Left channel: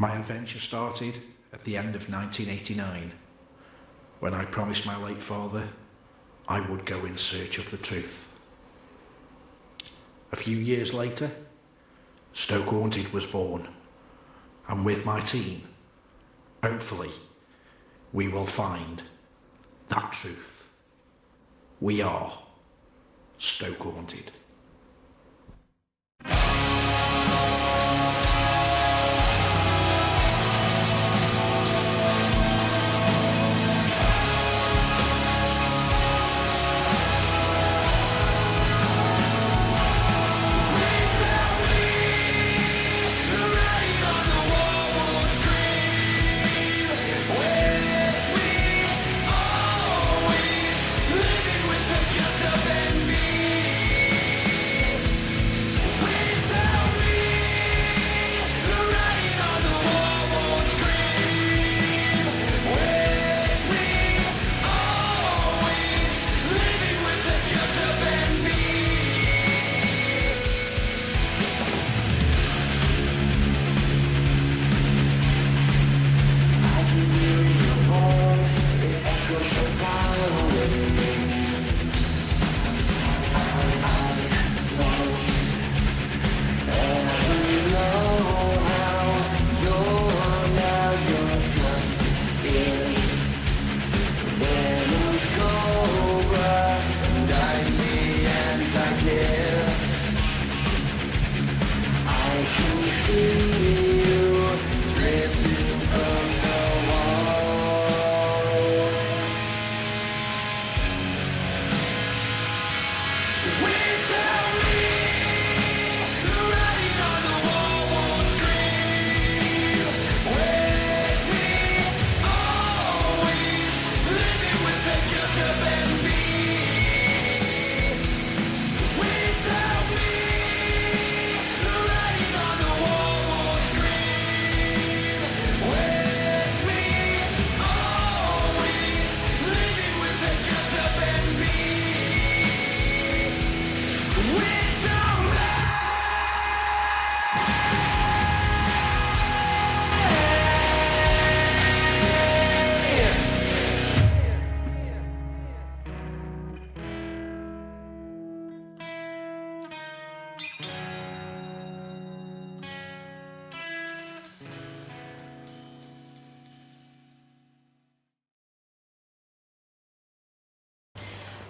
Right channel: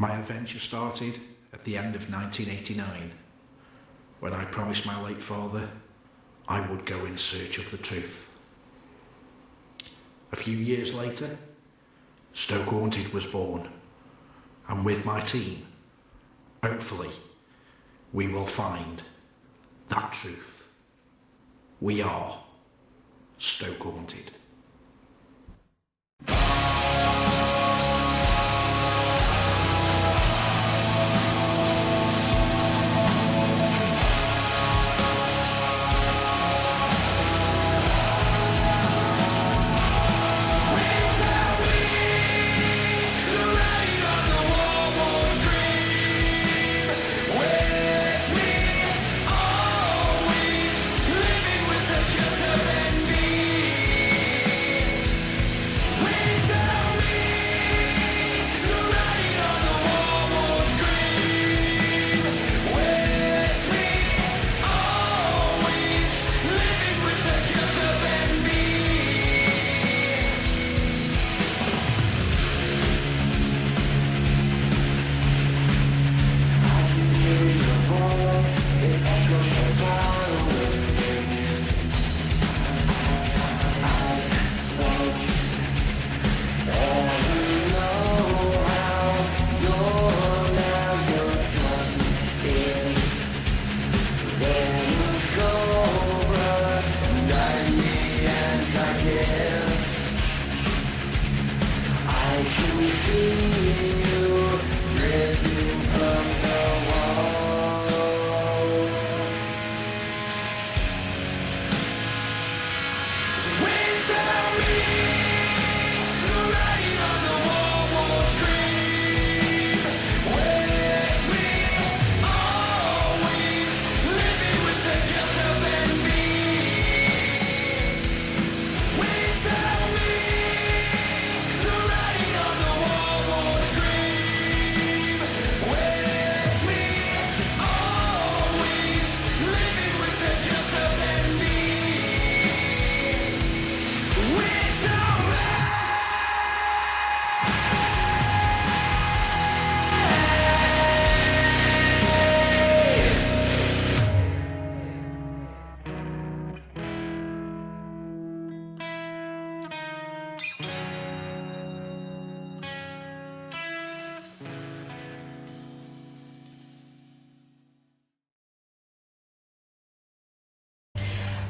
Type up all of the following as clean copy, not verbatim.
My adventure started at the end of 1989, when I promised my late father I would go in search of the truth. A few years later, Stokehaunted was born, and with my team, hopefully, we will find that truth. We are Stokehaunted.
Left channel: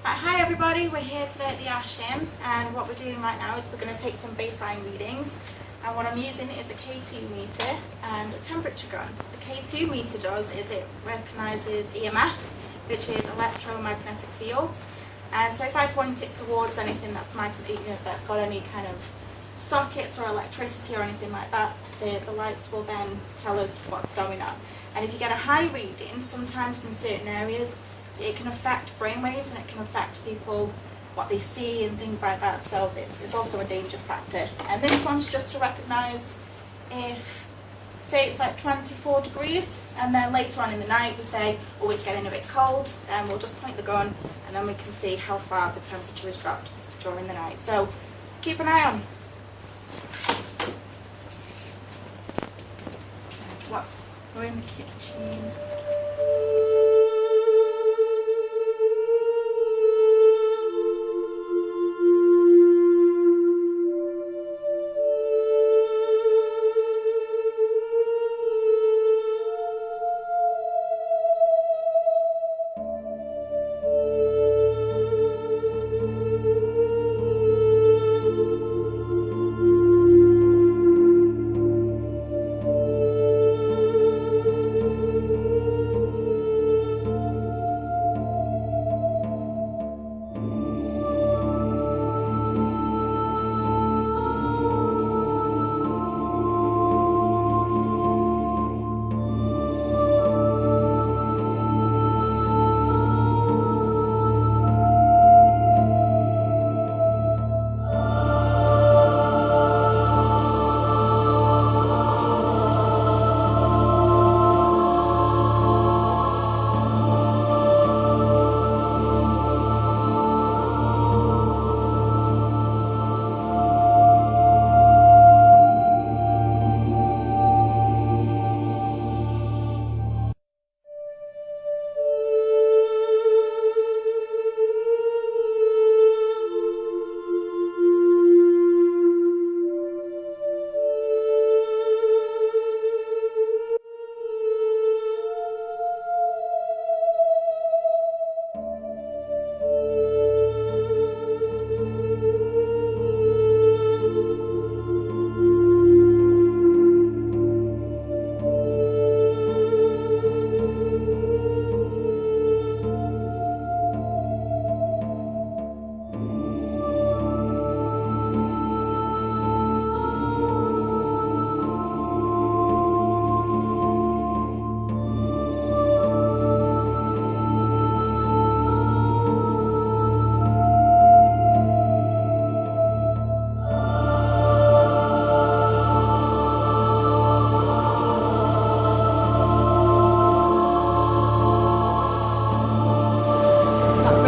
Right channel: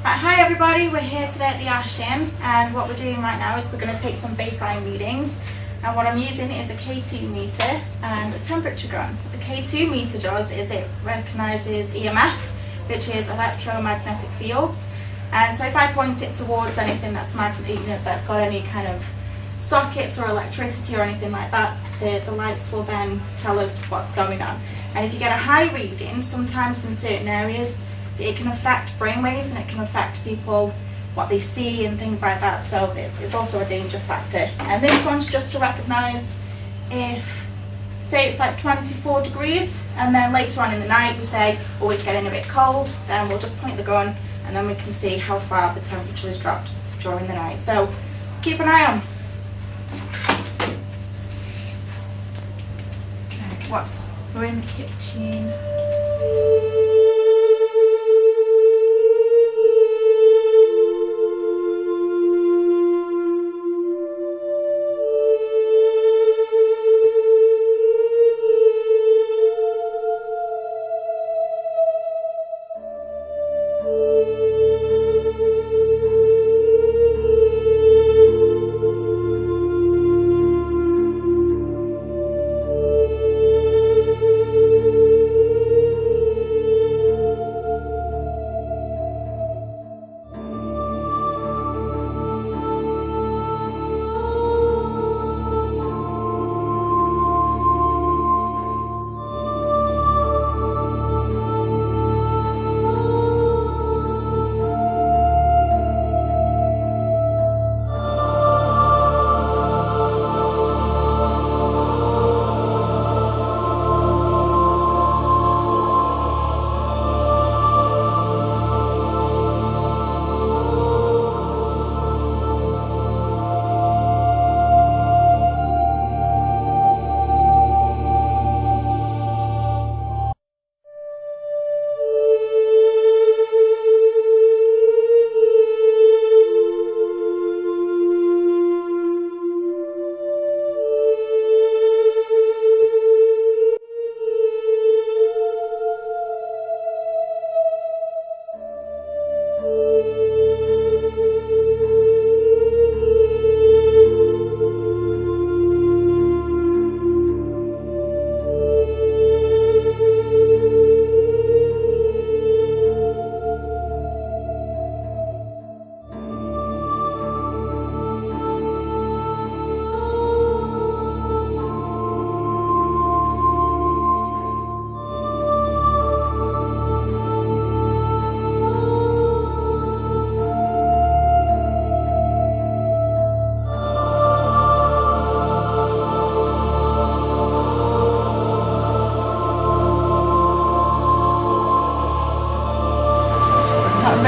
Right, hi everybody, we're here today at the Ash Inn, and what we're doing right now is we're going to take some baseline readings, and what I'm using is a K2 meter and a temperature gun. What the K2 meter does is it recognises EMF, which is electromagnetic fields, and so if I point it towards anything that's that's got any kind of sockets or electricity or anything like that, the lights will then tell us what's going on. And if you get a high reading, sometimes in certain areas it can affect brainwaves and it can affect people, what they see and things like that, so it's also a danger factor. And this one's just to recognise if, say it's like 24 degrees and then later on in the night we say, oh, it's getting a bit cold, then we'll just point the gun and then we can see how far the temperature has dropped during the night. So keep an eye on. Right, we're in the kitchen.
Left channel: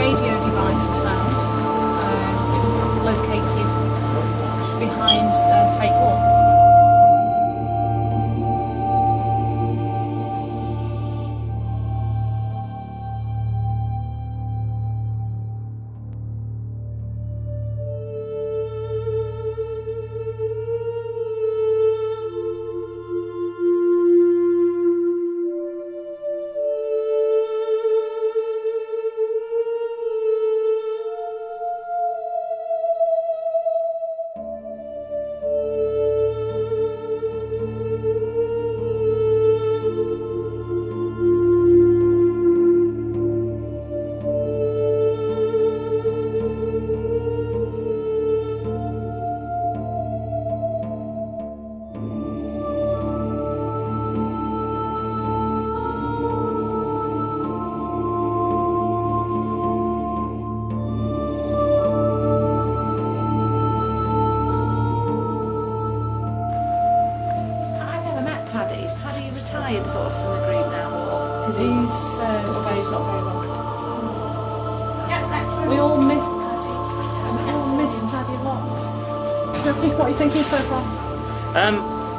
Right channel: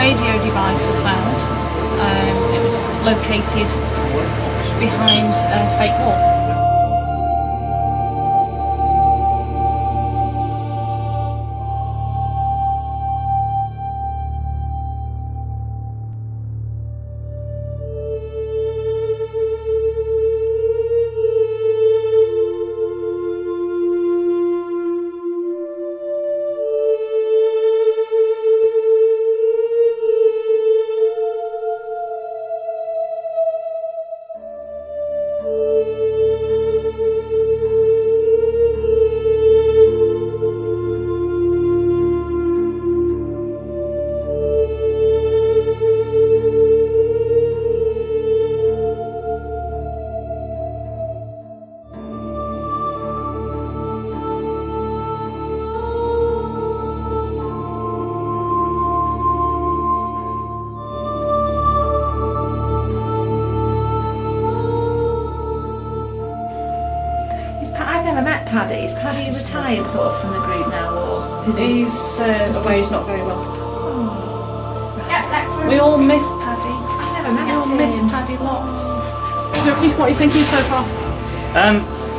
radio device was found. It was located behind a fake wall. I've never met Paddy. Is Paddy retired sort of from the group now, or is he? He's away not very long. Oh, right. Yeah, next room. We all miss Paddy. I've never met We all him. miss Paddy lots. What are you thinking so far?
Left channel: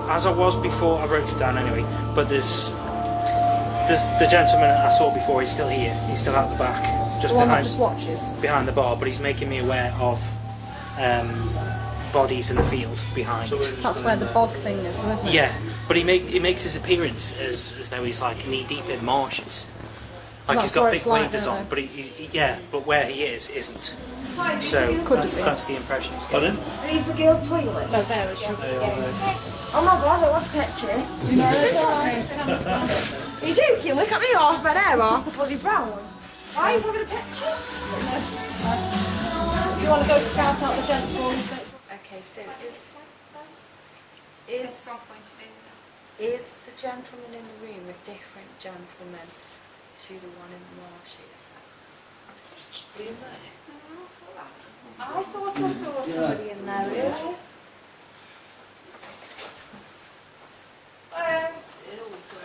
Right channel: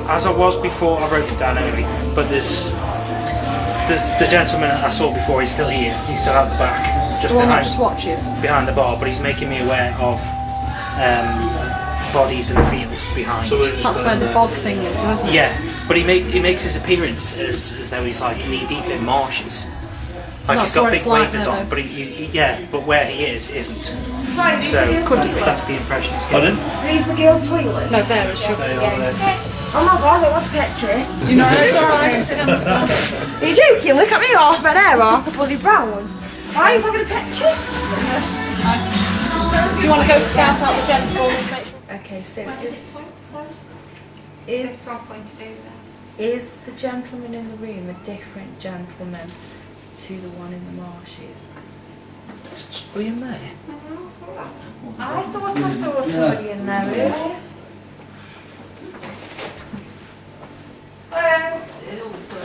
As I was before, I wrote it down anyway. But there's the gentleman I saw before. He's still here. He's still at the back, just The one that behind just watches. behind the bar. But he's making me aware of bodies in the field behind. That's where the bog thing is, isn't it? Yeah, but he makes his appearance as though he's like knee deep in marshes. Like That's he's got where big it's like waders now, on, though. but but where he is isn't. So that's the impression he's getting. Leave the girls' toilet. No, there is sugar. Oh my god, I want a picture. You know, it's alright. Are you joking? Look at me, half red hair, half a bloody brown. Why are you fucking a picture? Do you want to go scout out the gents for me? Okay, so just is the gentleman in the room a different gentleman to the one in the marshes? Is somebody in there? I thought I saw somebody in there earlier.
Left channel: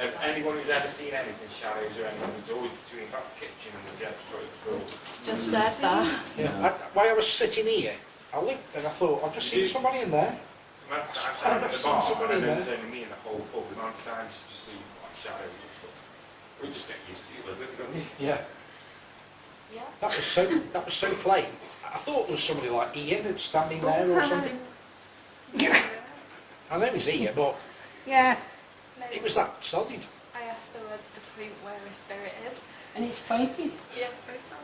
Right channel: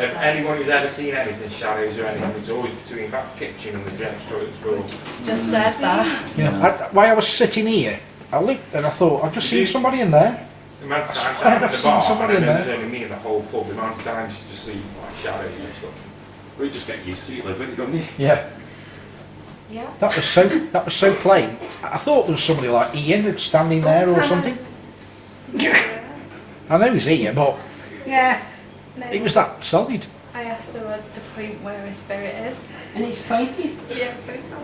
If anyone who's ever seen anything, shadows or anything, it's always between that kitchen and the gents' toilets room. Just said that. Yeah. While I was sitting here, I looked and I thought, I've just seen somebody in there. The amount of I times swear I'm in I've the seen bar, somebody and in I know there. it's only me in the whole pub, the amount of times you just see like shadows and stuff. We just get used to it, live with it, don't you? Yeah. Yeah. That was so plain. I thought there was somebody like Ian standing there or something. I know he's here, but Yeah. it was that solid. I asked the words to point where his spirit is. And it's pointed. Yeah, please.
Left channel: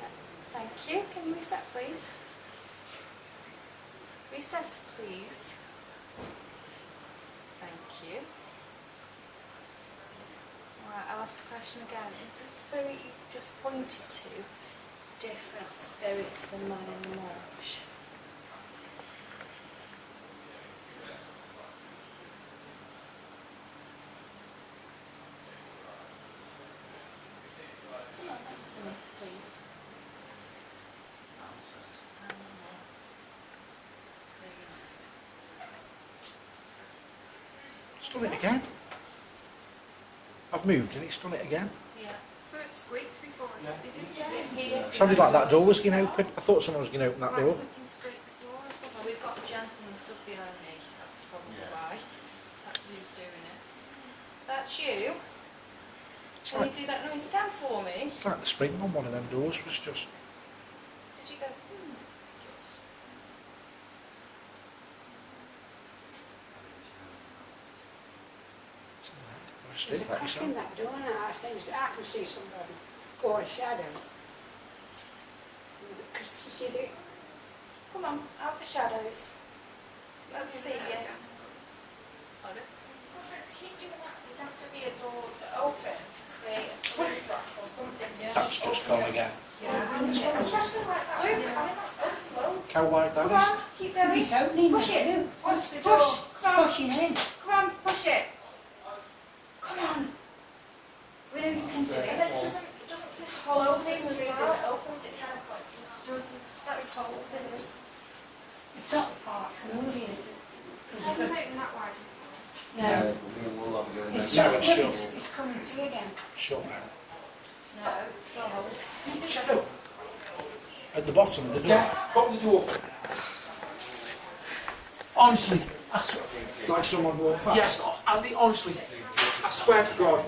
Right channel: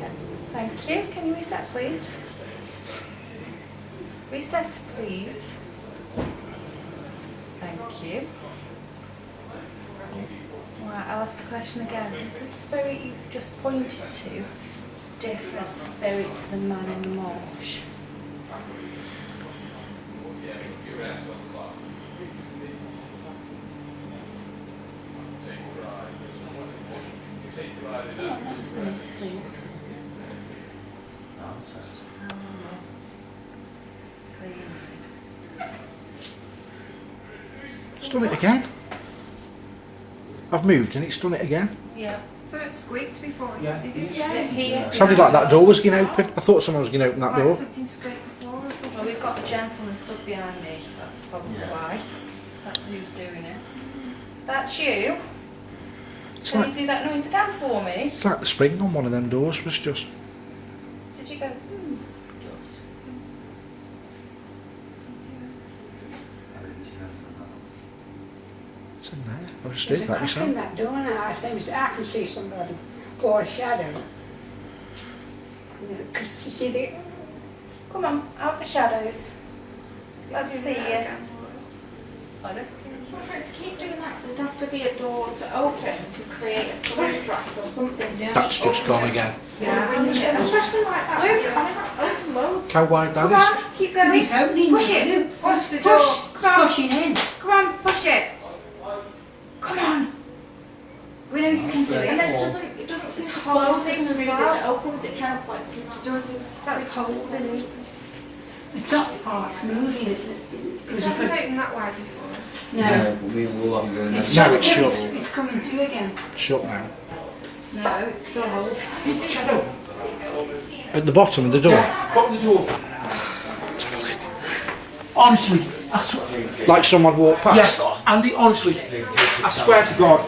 Yeah. Thank you. Can you reset, please? Reset, please. Thank you. Right, I'll ask the question again. Is the spirit you just pointed to different spirit to the man in the marsh? Come on, answer me, please. It's done it again. I've moved and it's done it again. Yeah. So it squeaked before, Yeah. did it? Yeah, here. Sounded like that door was going to open. I thought someone was going to open that Like door. something scraped the floor or something. Well, we've got a gentleman stood behind me. That's probably why. That's who's doing it. If that's you, It's can you like, do that noise again for me? it's like the spring on one of them doors was just. Did you go, just? It's in there. I just There's did a that crack myself. in that door now. I can see somebody or a shadow. Because see the Come on, out the shadows. Let's see you. Pardon? For it to keep doing that, there'd have to be a door to open to create a flow draft or something. That's just gone again. Yeah, and especially like that. Luke, I mean, that's open loads. How wide that Come is? on, keep going. He's opening Push the it. door. Push the door. Come on. Pushing in. Come on, push it. Come on. We know you can do it. And then it doesn't seem to close as smooth as it opens. It kind of like does. That's holding it. The top part's moving. It's never taken that wide before. No. It's, No, it's shut. it's coming to again. Shut now. No, it's still holding. Shadow. At the bottom of the door? Yeah, bottom of the door. Honestly, I swear. Like someone walked past? Yes, Andy, honestly, I swear to God.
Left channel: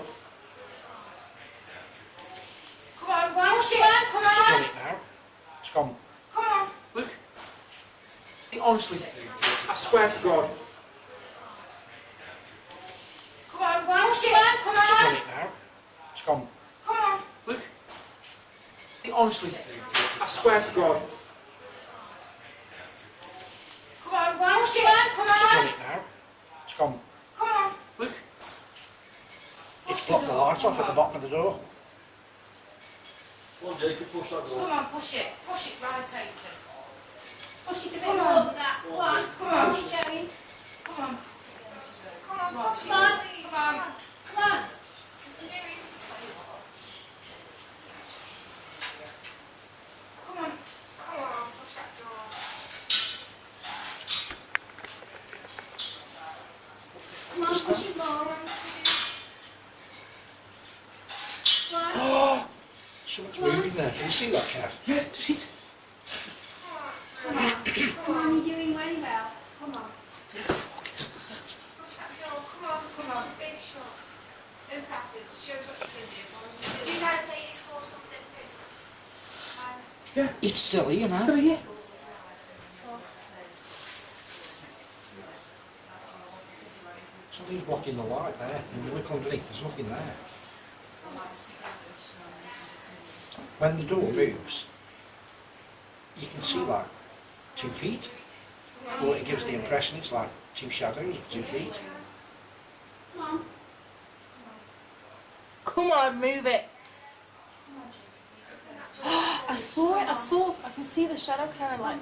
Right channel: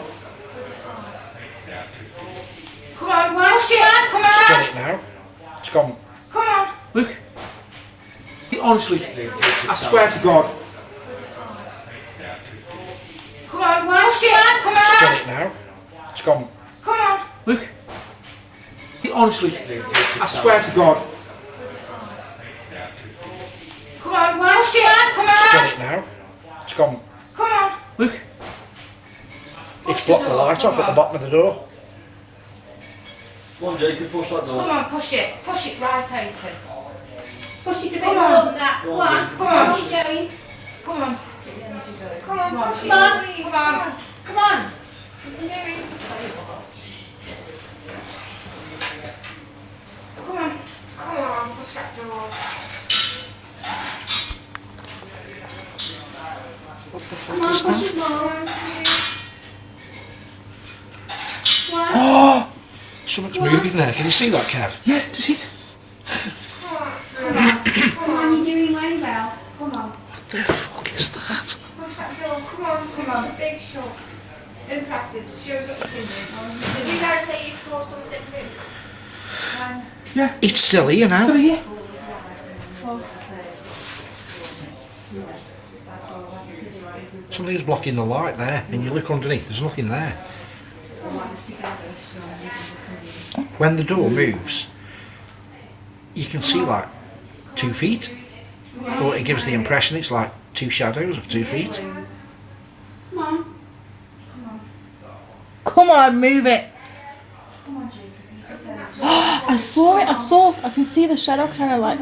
Come on, push it. Come It's done on. it now. It's gone. Come on. Look. Honestly, I swear to God. Come on, push it. Come It's done on. it now. It's gone. Come on. Look. Honestly, I swear to God. Come on, push it. Come It's done on. it now. It's gone. Come on. Look. It's blocked the light off at the bottom of the door. One day you could push that door. Come on, push it. Push it right open. Push it a bit Come more on. than that. Go Go on, on, Jake. come on, keep going. Come on. Come on, push it. Come on. Come on. Come on. You can do it. Come on. Come on, push that door. Come on, push it more. Something's moving there. Can you see that, Kev? Yeah, does it? Come on, you're doing very well. Come on. What the fuck is that? Push that door. Come on. Come on. It's a big shot. Impressive. Shows what you can do. Did you guys say you saw something new? It's still here now. Still here. Something's blocking the light there, and you look underneath, there's nothing there. When the door moves, you can see like 2 feet. Or it gives the impression it's like two shadows of 2 feet. Come on. Come on, move it. Come on, Jacob. I saw it. I can see the shadow kind of like.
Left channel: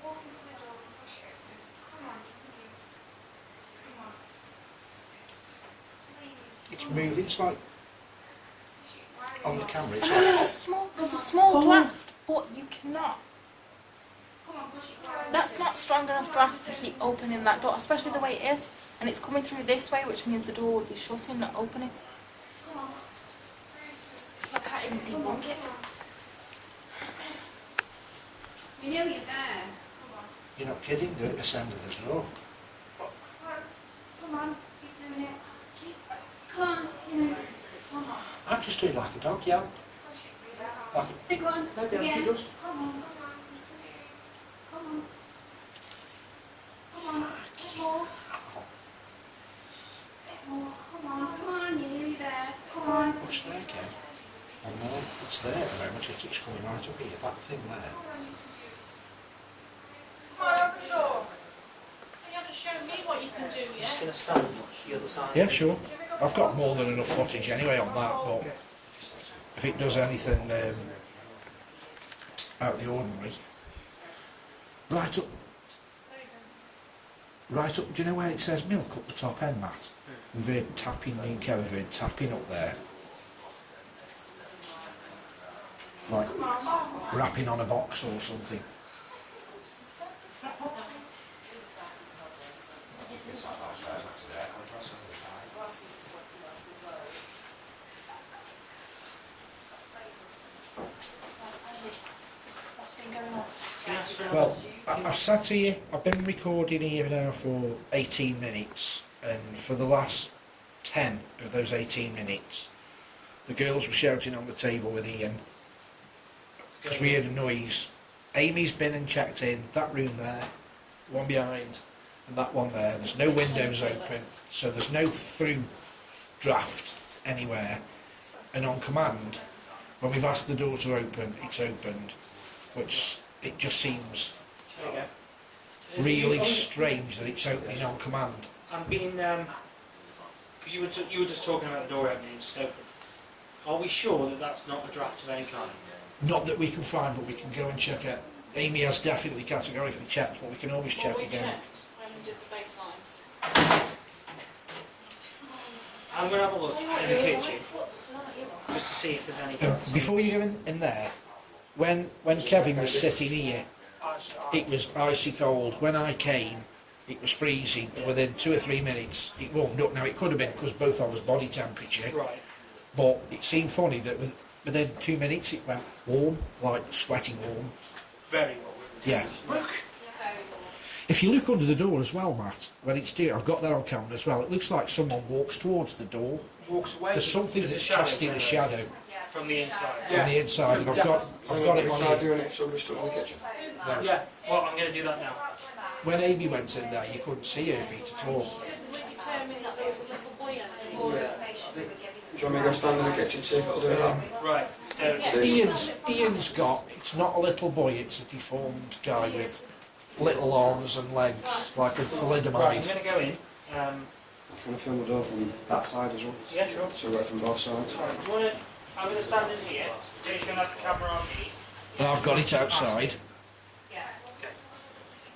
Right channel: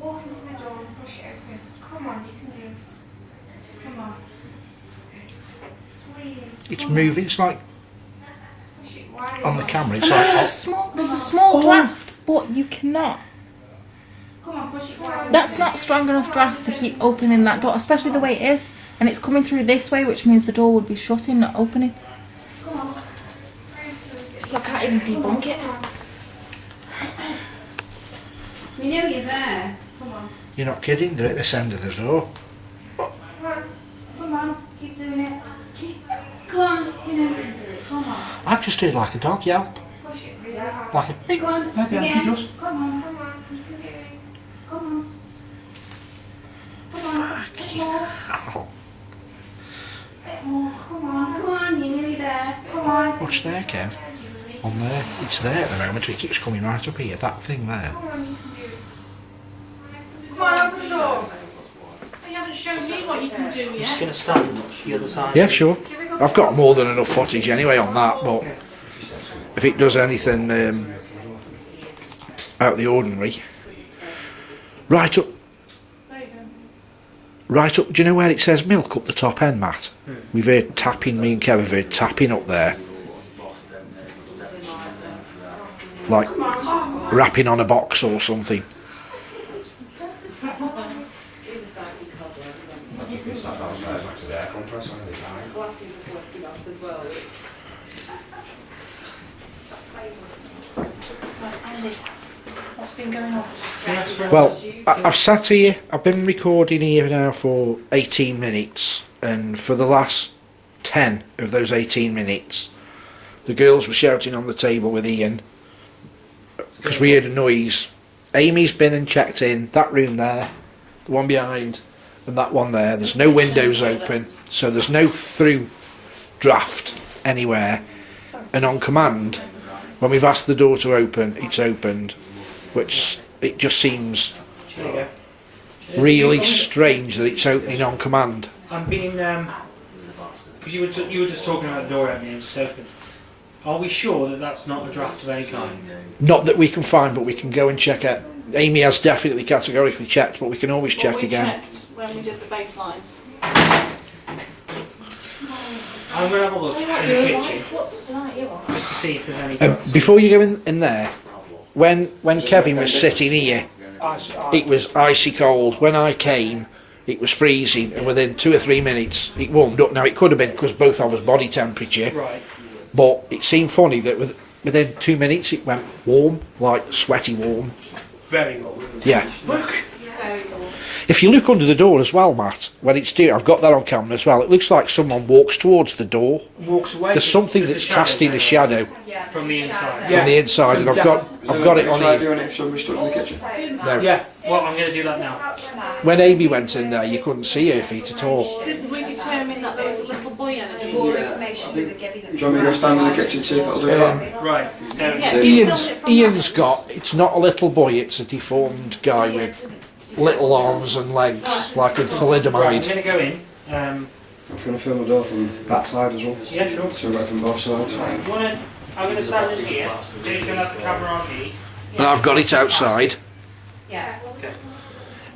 Walk into the door and push it open. Come on, you can do it. Come on. Please. It's moving, it's like Push it wide on the open. camera, it's There's a small draft, but you cannot. Come on, push it wide. That's not strong enough draft to keep opening that door, especially the way it is. And it's coming through this way, which means the door would be shutting, not opening. So I can't even debunk it. We know you're there. Come on. You're not kidding, they're at this end of the door. Come on. Keep doing it. Come on. You know you can do it. Come on. I've just heard like a dog yelp. Push it really hard. Like a Big one. Maybe Again. Auntie does. Come on. Come on, you can do it. Come on. Come on. Bit more. oh, Bit more. Come on. Come on. You're nearly there. Come on. watch there, Kev. On there. It's there at the moment, it keeps coming right up here, that thing there. Come on, you can do it. Come on, open the door. You haven't shown me what you can do I'm just yet. going to stand the other side. Yeah, sure. I've got more than enough footage anyway on that, but if it does anything out of the ordinary. Right up, do you know where it says milk up the top end, Matt? We've heard tapping, me and Kev have heard tapping up there. Like rapping on a box or something. Andy, what's been going on? Well, I've sat here, I've been recording here now for 18 minutes, and for the last 10 of those 18 minutes, the girls were shouting on the table with Ian, because we heard a noise. Amy's been and checked in, that room there, the one behind, and that one there. There's no windows open, so there's no through draft anywhere, and on command, when we've asked the door to open, it's opened, which it just seems There you go. really strange that it's opening on command. I'm being because you were just talking about the door opening and just opened. Are we sure that that's not a draft of any kind? Not that we can find, but we can go and check it. Amy has definitely categorically checked, but we can always check What we again. checked when we did the baselines. I'm going to have a look in the kitchen just to see if there's any drafts. Before you go in there, when Kevin was sitting here, it was icy cold. When I came, it was freezing, and within 2 or 3 minutes, it warmed up. Now, it could have been because both of us body temperature, Right. but it seemed funny that within 2 minutes it went warm, like sweaty warm. Very well. Yeah. Very cool. If you look under the door as well, Matt, when it's doing, I've got that on camera as well, it looks like someone walks towards the door. Walks away. There's something There's a that's shadow casting a shadow Yeah, from the inside. from the inside, and I've got it on here. doing it if somebody stood in the kitchen. No. Yeah. Well, I'm going to do that now. When Amy went in there, you couldn't see her feet at all. Didn't we determine that there was a little boy energy? More information we would give you. Do you want me to go stand in the kitchen see if it'll do that? Right. So. Yeah. you Ian's, filmed it from Ian's got, it's not a little boy, it's a deformed guy with little arms and legs, like a Right, I'm thalidomide. going to go in. Do you want to film the door from that side as well? Yeah, sure. So we're from both sides. Right, you wanna, I'm going to stand in here. Jay's going to have the camera on me. And I've got it outside. Yeah.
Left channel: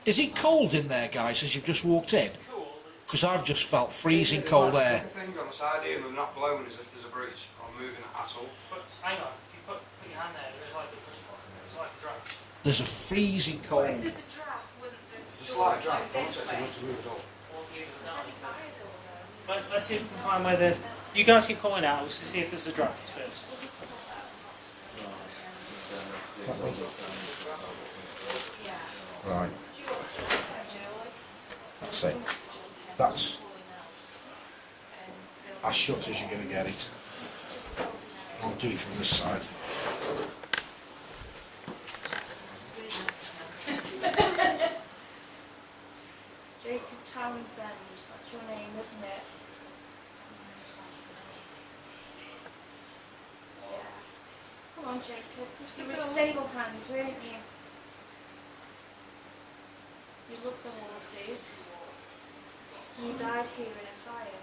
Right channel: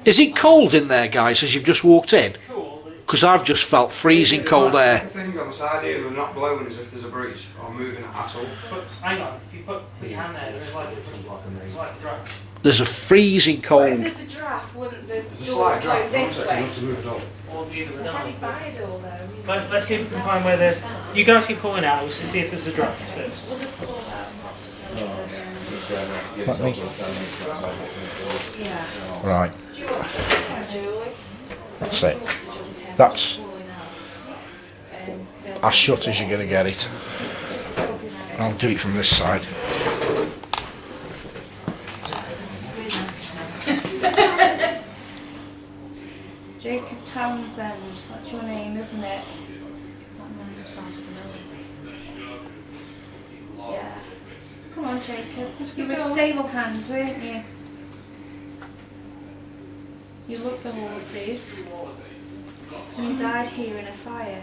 Is it cold in there, guys, as you've just walked in? Cool, but it's Because I've just felt freezing cold air. The things on the side here are not blowing as if there's a breeze or moving at all. But hang on, if you put your hand there, there's like a draft. The's a freezing But if cold. there's a draft, wouldn't the There's a door slight go drop, this way? not to move at all. Or either of them. Probably by a door though. Let's see if we can find where the. You guys keep calling out. Let's see if there's a draft first. We'll just call that. Let me. Yeah. Right. That's it. That's as shut as you're going to get it. I'll do it from this side. Jacob Townsend, that's your name, isn't it? Yeah. Come on, Jacob. You were a stable hand, weren't you? You loved the horses. And you died here in a fire.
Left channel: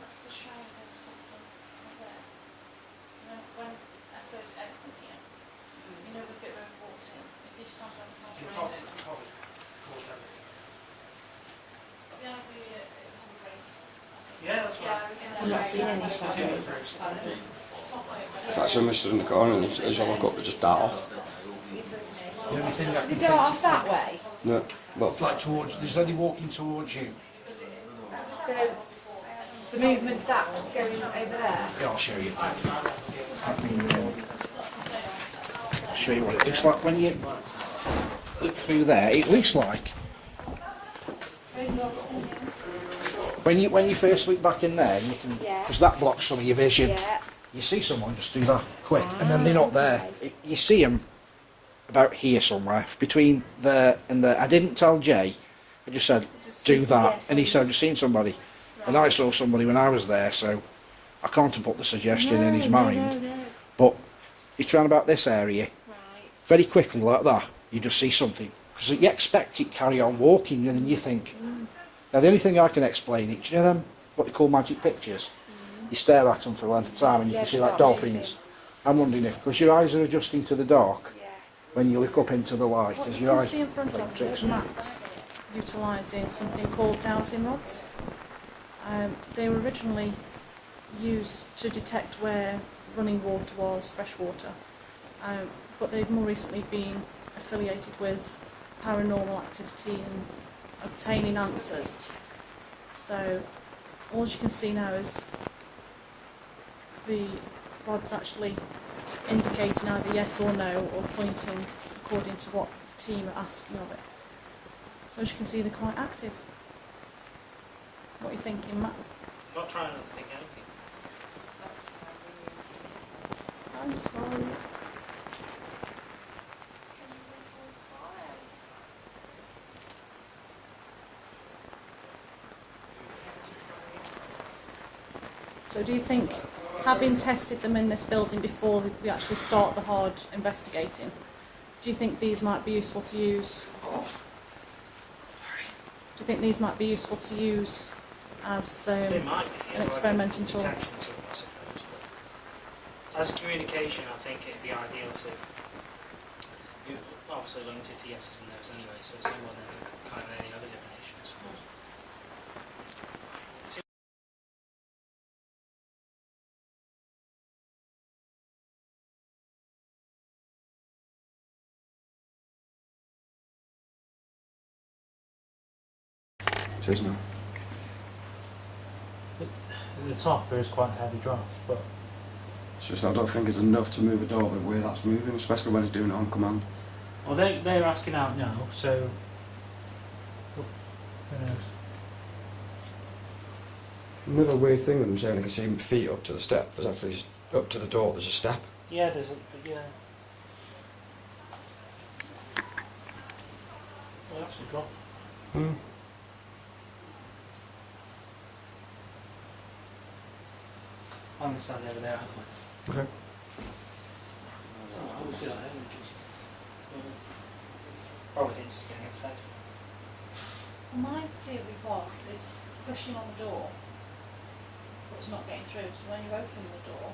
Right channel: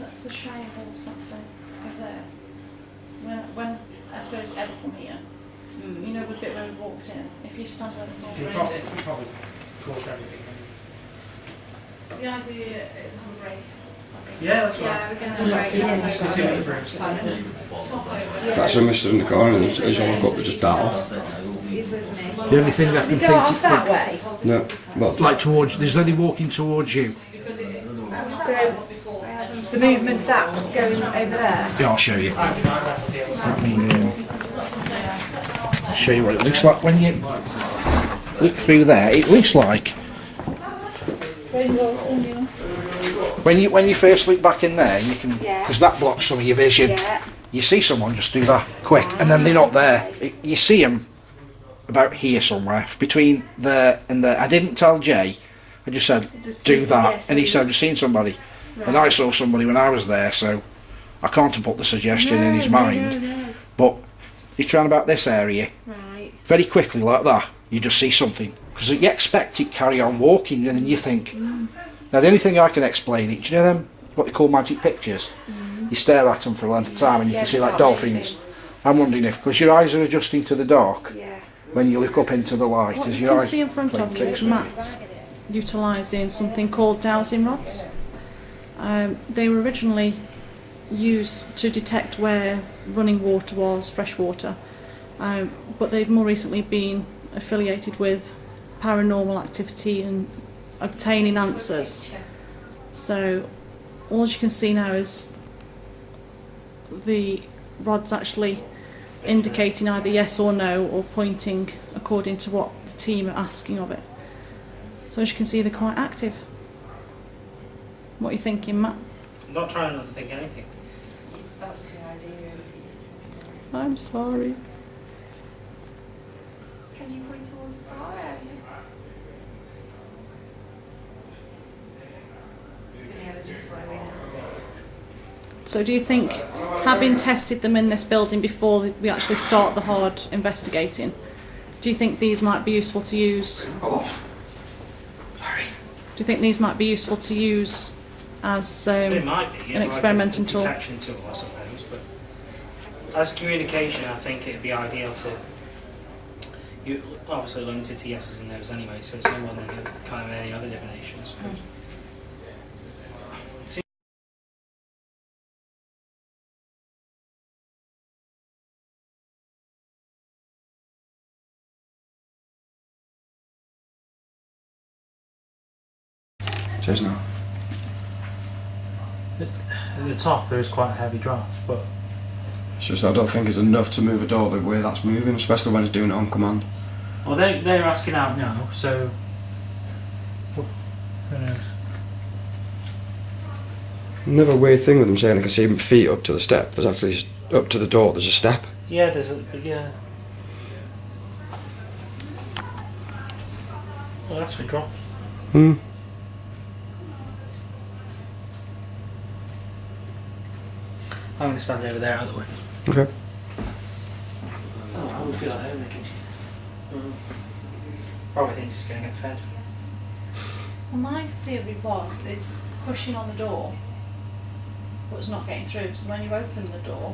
That's the Shire horse, that's over there. When I first ever come here, you know the bit where we walked in, if you stand on the You corner, probably caused everything. yeah, it's on break. Yeah, that's right. Yeah, we're going to break. That's a mister in the corner, and as you look up, they just dart off. He's with me. The only thing I can Dart off think, that way. No, well, like towards, there's nobody walking towards you. So the movement's that going over there. Yeah, I'll show you. Let me show you what it looks like when you look through there. It looks like when you first look back in there, you can, because that blocks some of your vision. Yeah. You see someone just do that quick, and then they're not there. You see them about here somewhere, between there and there. I didn't tell Jay. I just said do that, and he said I've just seen somebody, and I saw somebody when I was there, so I can't have put the suggestion in his mind. But he's trying about this area. Right. Very quickly like that, you just see something, because you expect it carry on walking, and then you think. Now the only thing I can explain it, do you know them what they call magic pictures? You stare at them for a length of time and you can see like dolphins. I'm wondering if, because your eyes are adjusting to the dark, when you look up into the light, What as you your can eyes see in front play of you tricks is on you. Matt utilising something called dowsing rods. They were originally used to detect where running water was, fresh water, but they've more recently been affiliated with paranormal activity and obtaining answers. So all you can see now is the rods actually indicating either yes or no, or pointing according to what the team are asking of it. So as you can see, they're quite active. What are you thinking, Matt? I'm not trying not to think anything. That's the idea, isn't it? I'm sorry. Can you point towards the bar area? So do you think, having tested them in this building before we actually start the hard investigating, do you think these might be useful to use? Do you think these might be useful to use as They might be, an as experimental like a tool? detection tool, I suppose. But as communication, I think it'd be ideal to. You obviously limited to yeses and nos anyway, so it's no more than kind of any other divination, I suppose. cheers now. At the top there is quite a heavy draft, but It's just I don't think it's enough to move a door the way that's moving, especially when it's doing it on command. Well, they're asking out now, so who knows? Another weird thing with them saying they can see my feet up to the step. There's actually up to the door. There's a step. Yeah, there's a yeah. Oh, that's a drop. Hmm. I'm going to stand over there out of the way. Okay. Oh, I would feel like home in the kitchen. Probably thinks he's going to get fed. Well, my theory was it's pushing on the door, but it's not getting through. So when you open the door,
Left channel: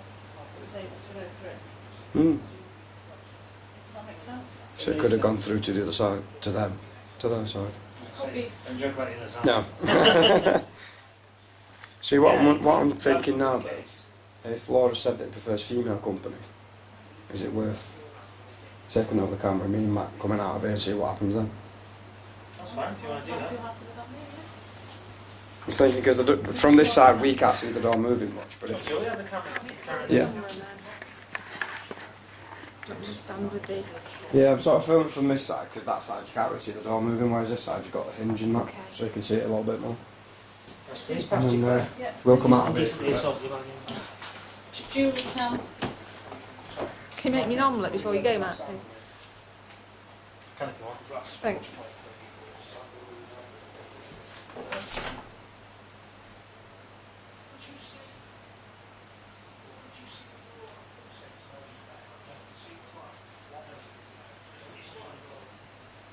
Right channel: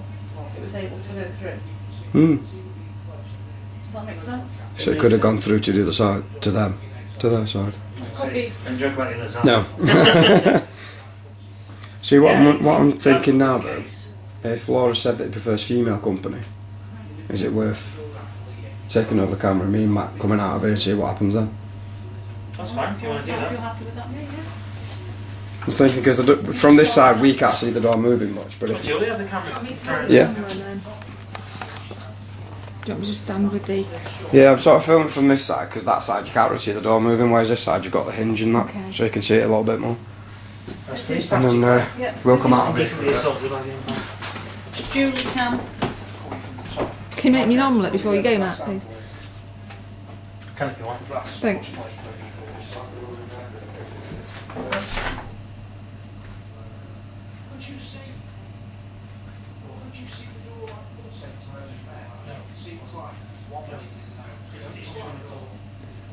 it was able to go through. Hmm. Does that make sense? So it could have gone through to the other side, to them, to their side. So, be. don't joke about the other side. No. See what, Yeah, what I'm thinking now, that could be the though, case. if Laura said that he prefers female company, is it worth taking over the camera, me and Matt coming out of here to see what happens then? That's fine if you want to do If you're that. happy with that, mate, yeah. I was thinking because from this side we can't see the door moving much, but Well, if, Julie, have the camera. yeah, Do you want me to stand with the... yeah, I'm sort of filming from this side because that side you can't really see the door moving, whereas this side you've got the hinge and that, Okay. so you can see it a little bit more. That's This is- And then Yeah. we'll This come is out of it. decently assaulted by the impact. Julie can. Can you make me an omelette before you go, Matt, please? Can if you want. Thanks.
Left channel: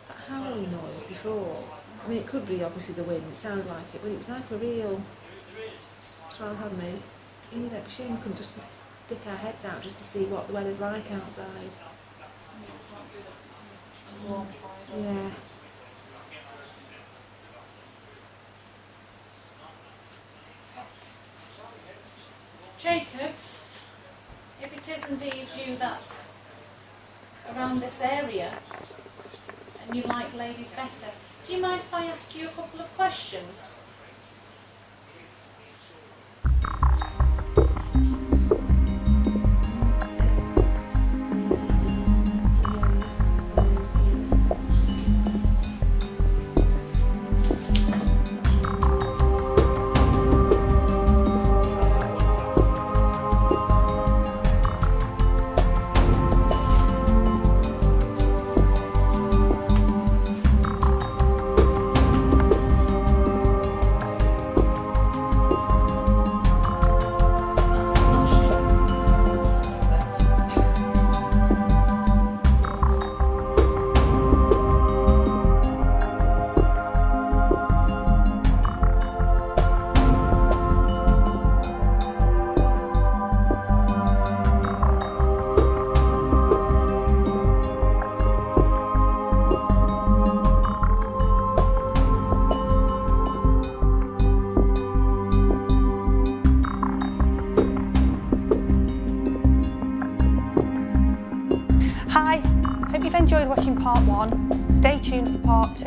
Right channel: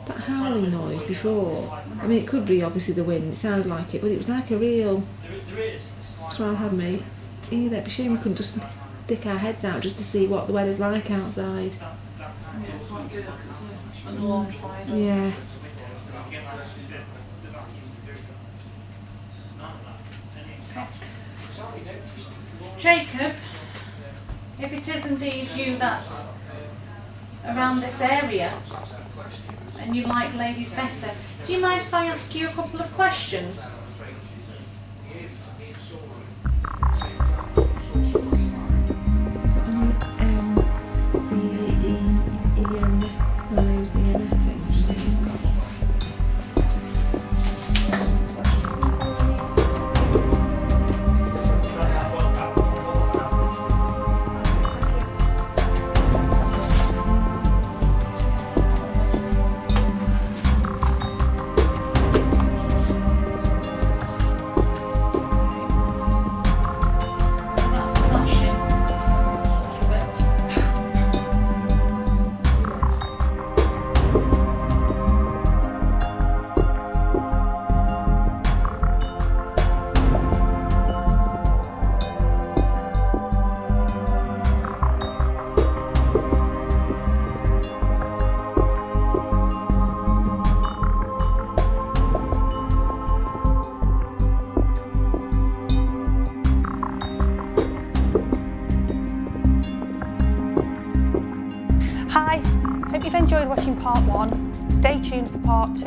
That howling noise before, I mean it could be obviously the wind, it sounded like it, but it was like a real swell had me. You know, it'd be a shame we couldn't just stick our heads out just to see what the weather's like outside. Yeah. Jacob, if it is indeed you that's around this area and you like ladies better, do you mind if I ask you a couple of questions? That's flashing. Hi, hope you've enjoyed watching part 1. Stay tuned for part 2.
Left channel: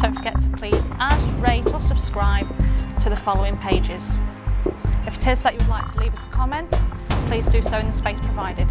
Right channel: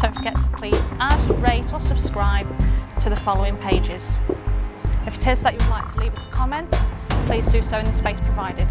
Don't forget to please add, rate or subscribe to the following pages. If it is that you would like to leave us a comment, please do so in the space provided.